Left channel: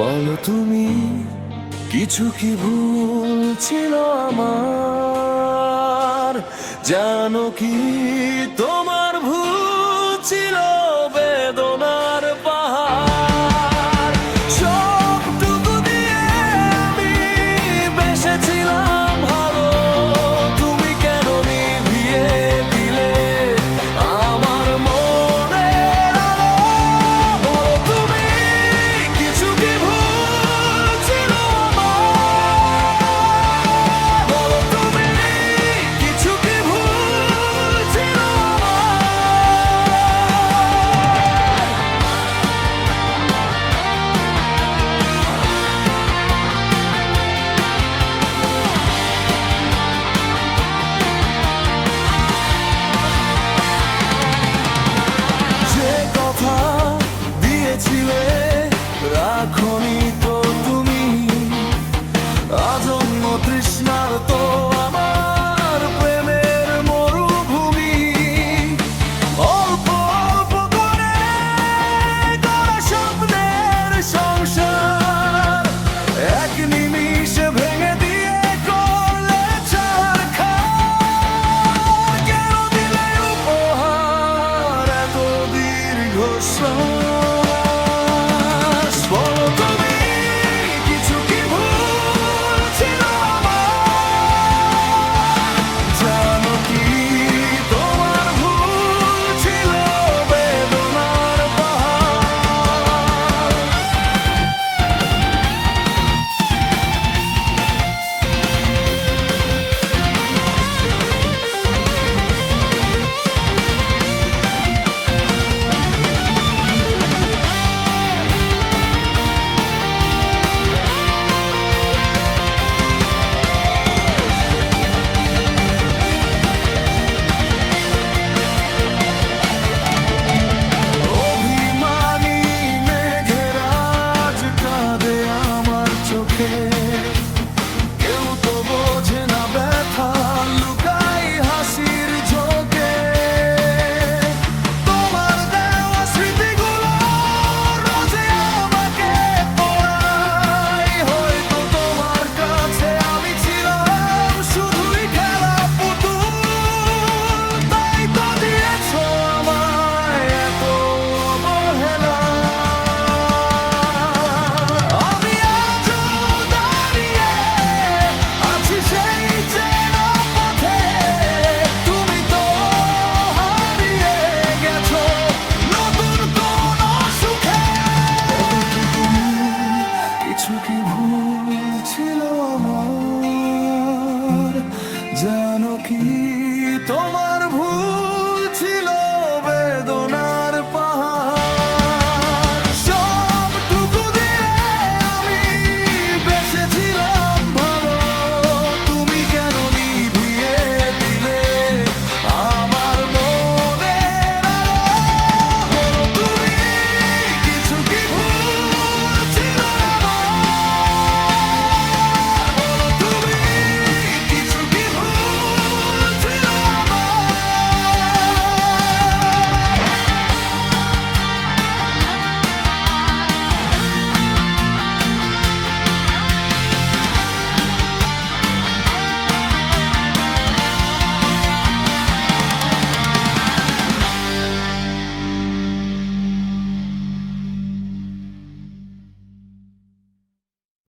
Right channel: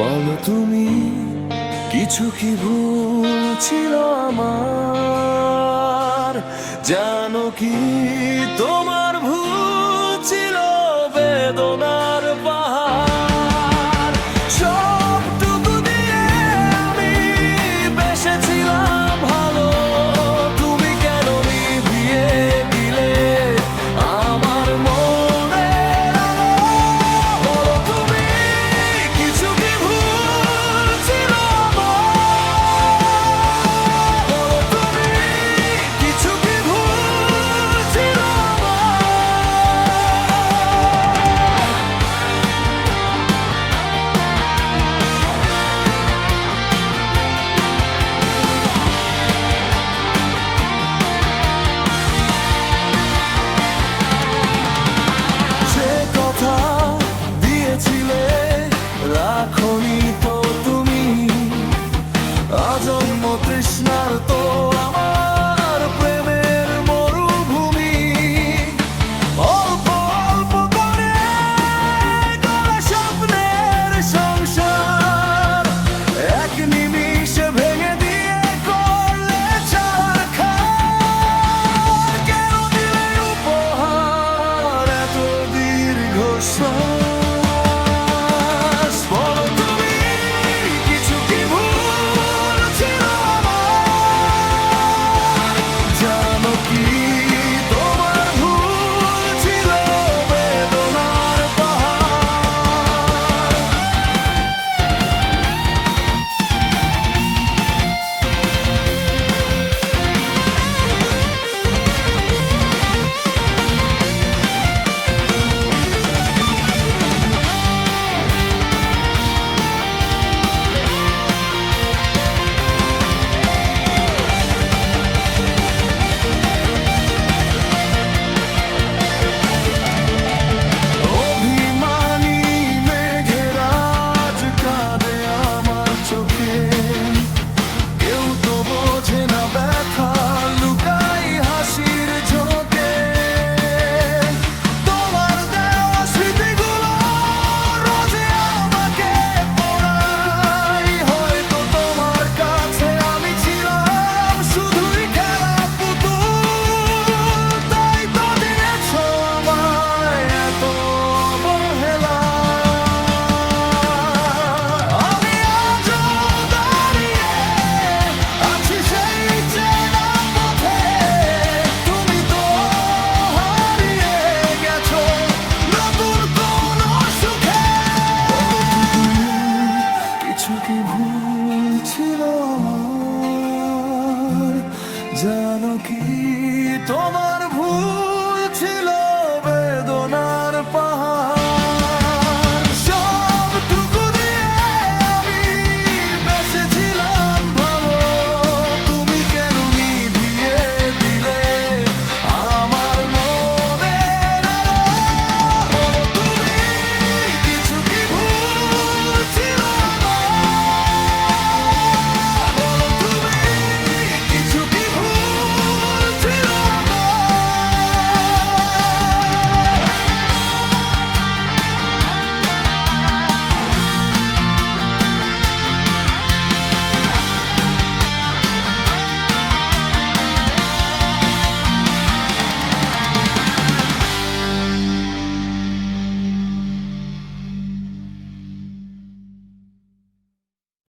বলো তুমি কিছু কি ভুল ছিল আমার? জানো কি তোমার ভুল ছিল বেদনার পাহাড়? সবটুকু দিয়ে আমি বেসেছিলাম ভালো, তুমি কেন নিভিয়ে দিলে আমার মনের আলো? বলো তুমি কিছু কি ভুল ছিল আমার? বলো তুমি কিছু কি ভুল ছিল যে কথা দিয়েছিলে রাখনি তো তুমি, আজন্ম তৃষ্ণার তো আমার প্রেমের মরুভূমি। অল্প অল্প করে গড়া স্বপ্নের সংসার এক নিমিষে ভেঙে দিয়ে করলে ছারখার। কেন দিলে উপহার এত দীর্ঘশ্বাস? বলো তুমি কিছু কি ভুল ছিল আমার? জানো কি তোমার ভুল ছিল বেদনার পাহাড়? অভিমানী মেঘের আজ কাঁদে আমার চোখে, কেউ তো বোঝে না ব্যথা লুকাই হাসির ঝোঁকে। তোমার দেওয়া স্মৃতিগুলো রোজে আমাকে পড়াই, হয়তো তোমার কাছে আমি ছিলাম শুধুই খেলা পুতুল, তাই তো দিয়েছো আমায় এত অবহেলা। আমি আজও দাঁড়িয়ে আছি সেই চেনা পথে, তুমি তো হারিয়ে গেছো নতুন কোন সুখে। কিছু কি ভুল ছিল আমার? জানো কি তোমার ভুল ছিল